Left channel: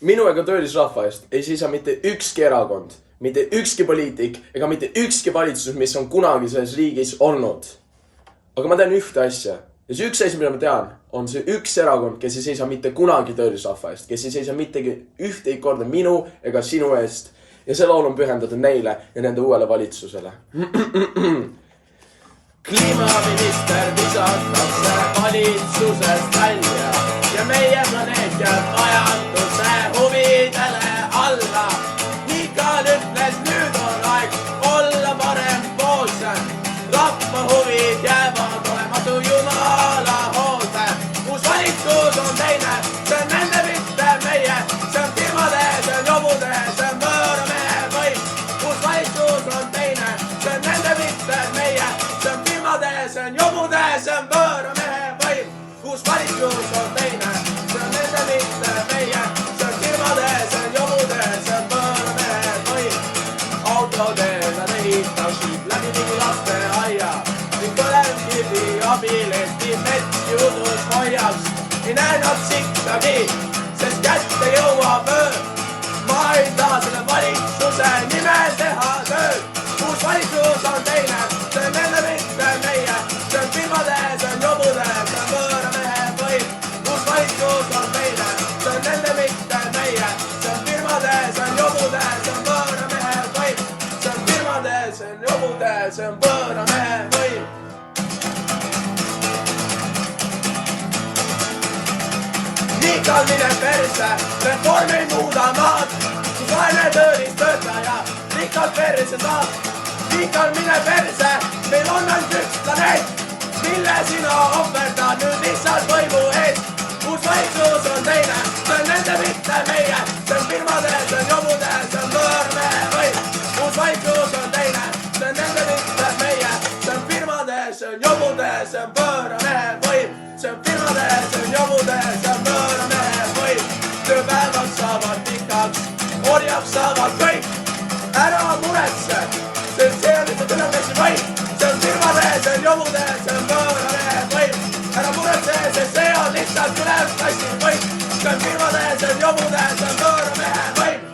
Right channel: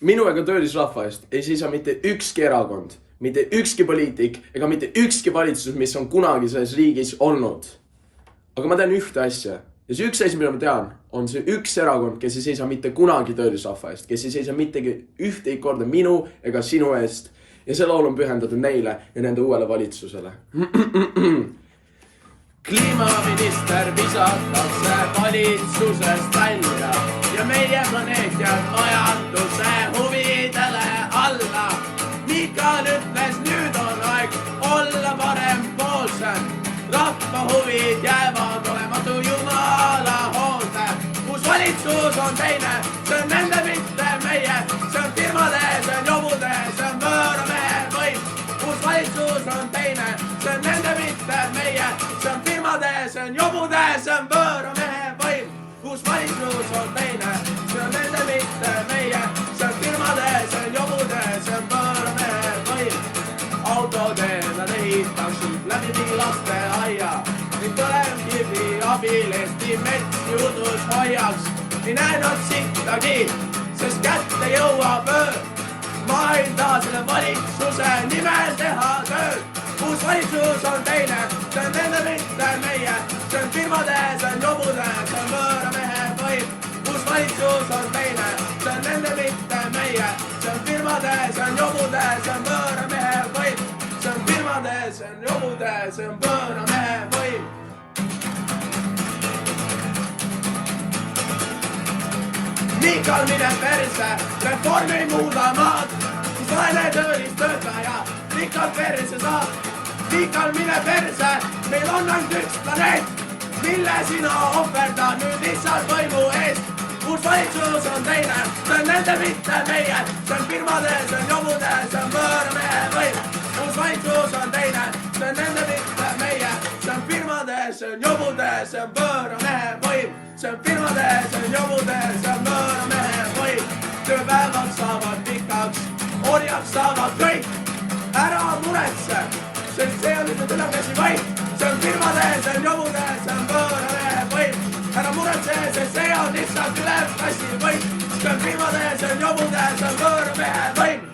minu ega töölisrahva eest ei seisa mitte ükski erakond, mitte ükski poliitik ega mitte ükski valitsus, mis on kunagi selles riigis olnud. Aga ma tean ühte asja. Ja see üks asi, mida ma tean, on see üks erakond, kes ei seisa mitte kunagi töölisrahva eest, kes ei seisa mittegi ühtegi korda minu ega sinu eest. Ja see laul on pühendatud neile ja nende uuele valitsusele. Kliimaminister visatakse valitsusest välja ja meie planeet jääb majanduse huvidele alla. Mikal ütles, nüüd on aeg olla parempoolsem. Rahva huvid jäävad olematu jumala hoolde. Kus valitsus on teine, see on nende mitte meie. See on firmade, see on jobude, see on võõramehe võim. Kus valitsus on teine, see on nende mitte meie. See on firmade, see on jobude, see on võõramehe võim. Kus valitsus on teine, see on nende mitte meie. See on firmade, see on jobude, see on võõramehe võim. Autotee nad ehitaksid läbi mingi laste aia ning põlevkivi abil Eesti mets juudus hoiaks. Ei näe nad sittagi, sest kätte jõuab öö. Ma ei taha selle valitsuse nimel teha tööd. Kus valitsus on teine, see on nende mitte meie. See on firmade, see on jobude, see on võõramehe võim. Kus valitsus on teine, see on nende mitte meie. See on firmade, see on jobude, see on võõramehe võim. See on firmade, see on jobude, see on võõramehe võim. Mikal mine perse, reform ei muuda maad. Kus vaene töölis töötaja rikkalt perse saab. Mikal mine perse, meil on ainult üks planeet, mille sina ohverdad nüüd lihtsalt võimu eest. Kus valitsus on teine, see on nende mitte meie. See on firmade, see on jobude, see on võõramehe võim. Kus valitsus on teine, see on nende mitte meie. See on firmade, see on jobude, see on võõramehe võim. See on firmade, see on jobude, see on võõramehe võim. Tööpäevad saavad pikaks, orjaks saavad kõik. Ära muretse, sest see on lihtsalt ülemesi võim. See on firmade, see on jobude, see on võõramehe võim. Ära muretse, sest see on lihtsalt ülemesi võim. See on firmade, see on jobude, see on võõramehe võim.